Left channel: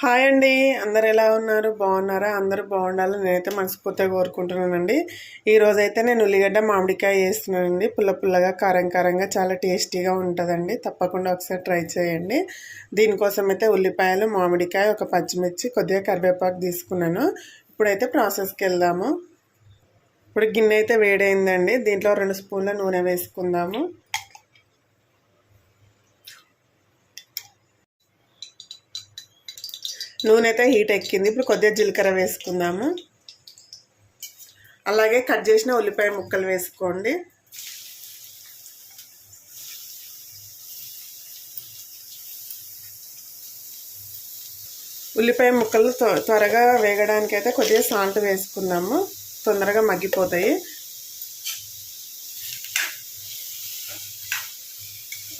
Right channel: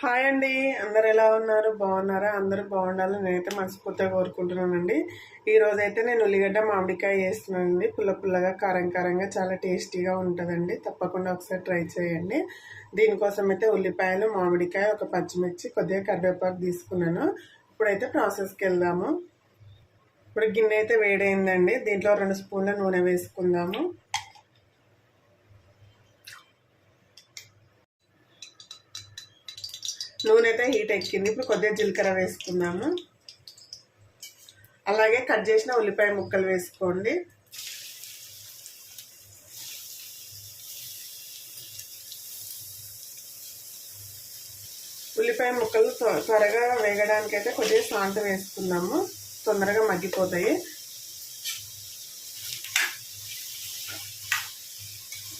Hi అండి. అందరు ఎలా ఉన్నారు? బాగున్నారా? అందరూ బాగుండాలని నేనైతే మనస్ఫూర్తిగా కోరుకుంటున్నానండి. ఈరోజైతే నేను ఉల్లిగడ్డ మామిడికాయ చేస్తున్నానండి. పుల్ల పుల్లగా కారం కారంగా చాలా టేస్టీగా ఉంటుందండి. తప్పకుండా ఒకసారి ట్రై చేయండి. దీనికోసం అయితే ఉల్లిపాయలు, మామిడికాయ, ఒక పచ్చిమిర్చి, కొద్దిగా కరివేపాకు తీసుకున్నాను. ఇప్పుడైతే ప్రాసెస్కి వెళ్దాము. ఇప్పుడు గిన్నె అయితే వేడైందండి. దీంట్లో 2 స్పూన్ల నూనె వేసుకుందాము. నూనె అయితే హీట్ ఎక్కింది. ఇప్పుడు కొద్దిగా జీలకర్ర వేసుకుందాము. అలాగే కట్ చేసిన ఉల్లిపాయ ముక్కలు వేసుకోండి. ఉల్లిపాయ ముక్కలు త్వరగా వేగడానికి అయితే కొద్దిగా సాల్ట్ వేసుకుందాము. తొందరగా మగ్గిపోతాయి.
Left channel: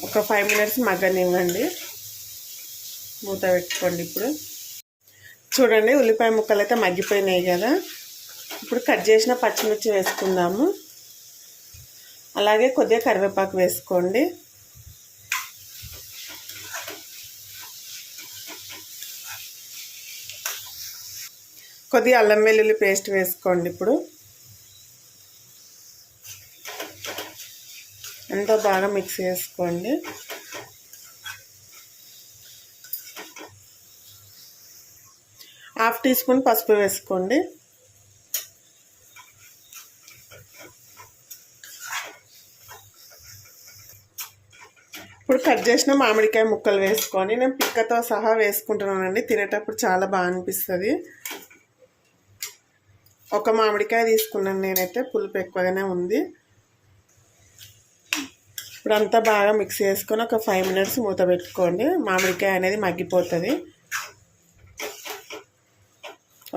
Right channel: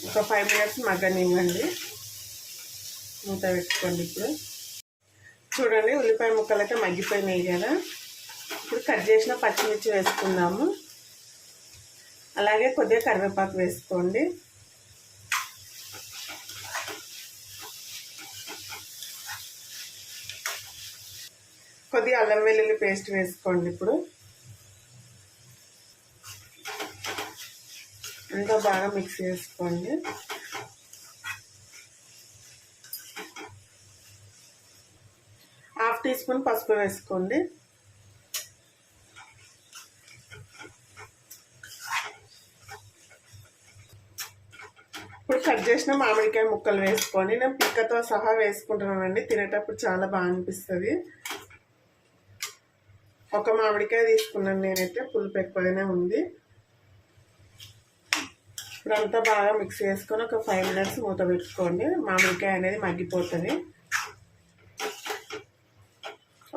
ఒక 5 మినిట్స్ మగ్గనివ్వండి. మూత పెట్టుకోండి. ఇప్పుడు చూడండి, ఉల్లిపాయ ముక్కలు అయితే మగ్గిపోయినాయి కదా. ఇప్పుడు కట్ చేసిన పచ్చిమిర్చి వేసుకుందాము. అలాగే కొద్దిగా కరివేపాకు వేసుకోండి. కొద్దిగా అల్లం వెల్లుల్లి పేస్ట్ వేసుకోండి. ఇప్పుడు ఎంతో బాగా మిక్స్ చేసుకోండి. హాఫ్ టీ స్పూన్ పసుపు వేసుకోండి. ఇప్పుడు కట్ చేసిన మామిడికాయ ముక్కలు వేసుకొని నేను పిక్కతో సహా వేసుకుంటున్నానండి. తినేటప్పుడు చాలా బాగా అనిపిస్తుంది. ఒక మామిడికాయ తీసుకున్నాను నేనైతే, పులుపు ఎక్కువగానే ఉంది. ఇప్పుడు అంతా బాగా మిక్స్ చేసుకొని ఒక 5 మినిట్స్ మూత పెట్టుకోండి. మామిడికాయ అనేది మగ్గిపోతుంది.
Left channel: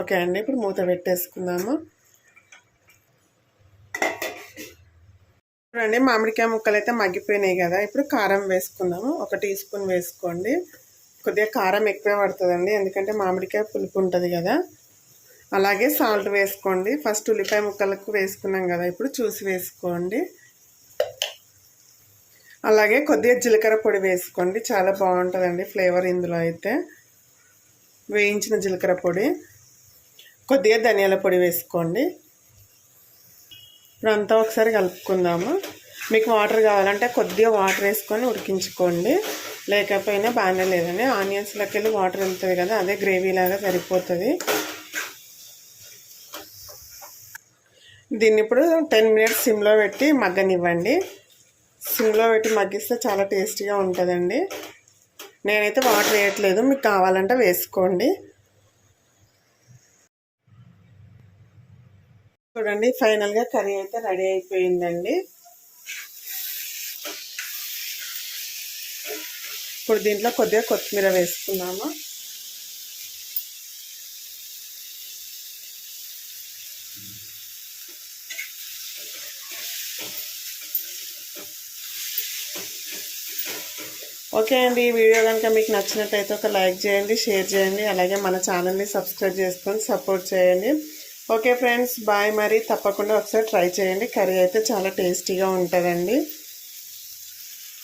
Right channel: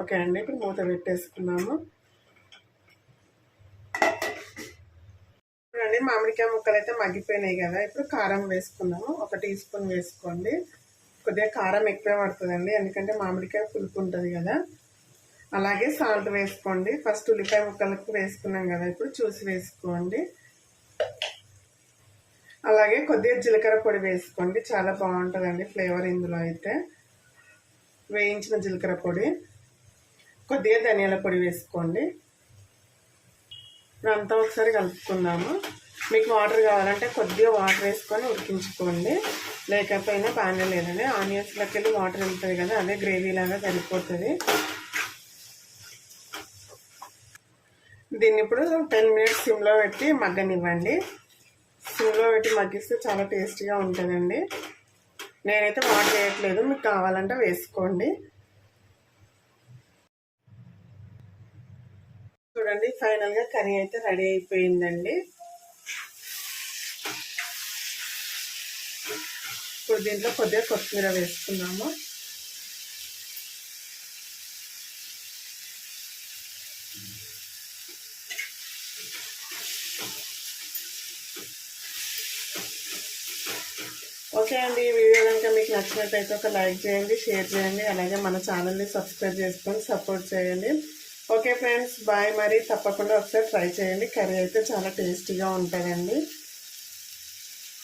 ఓకే అండి, ఇప్పుడు మూత పెట్టేసుకుందాము. చూడండి, మామిడికాయ ముక్కలు అయితే మగ్గిపోయినాయి కదా. ఇప్పుడు కారం వేసుకుందాము. 1 టీ స్పూన్ వేసుకోండి. కొద్దిగా కారం ఎక్కువ పడుతుందండి, ఎందుకంటే మామిడికాయ పులుపు ఉంటుంది కదా. అలాగే సాల్ట్ వేసుకోండి. ఫస్ట్ ఉల్లిపాయ ముక్కలకు వేసుకున్నాం కదా, ఇప్పుడు చూసి వేసుకోండి. అలాగే కొద్దిగా జీలకర్ర పొడి వేసుకోండి. చాలా బాగుంటుందండి ఫ్లేవర్ ఇందులో అయితే. వేయించిన జీలకర్ర పొడి, కొద్దిగా ధనియాల పొడి వేసుకోండి. ఇప్పుడు అంతా ఒకసారి కలుపుకుందాము. మీకు వాటర్ కావాలంటే కొద్దిగా వాటర్ వేసుకొని ఉడికించుకోండి, లేకపోయినా బాగానే లేదండి. ఆనియన్స్లోకి వెళ్ళి వాటర్ వెళ్తుంది కదా, అదే గ్రేవీ లాగా సరిపోతుంది. దీన్ని ఇప్పుడు 10 మినిట్స్ సిమ్లో పెట్టి మగ్గనివ్వండి. సిమ్లో పెట్టి మగ్గిస్తే చాలా టేస్టీగా ఉంటుందండి. నేనైతే వాటర్ వేయట్లేదు, మీకు కావాలంటే వేసుకోండి. చూడండి, ఫైనల్గా కర్రీ అయితే రెడీ అయిపోయిందండి. ఇప్పుడు దీంట్లో కొద్దిగా కొత్తిమీర వేసుకున్నాము. ఓకే అండి, ఈ వీడియో కనుక మీకు నచ్చినట్టయితే ఒక లైక్ చేయండి, షేర్ చేయండి. అలాగే మన ఛానల్ని సబ్స్క్రైబ్ చేసుకొని సపోర్ట్ చేయండి. Okay friends, bye. మరి తప్పకుండా ఒకసారి ట్రై చేయండి. కర్రీ అయితే చాలా టేస్టీగా ఉంటుందండి.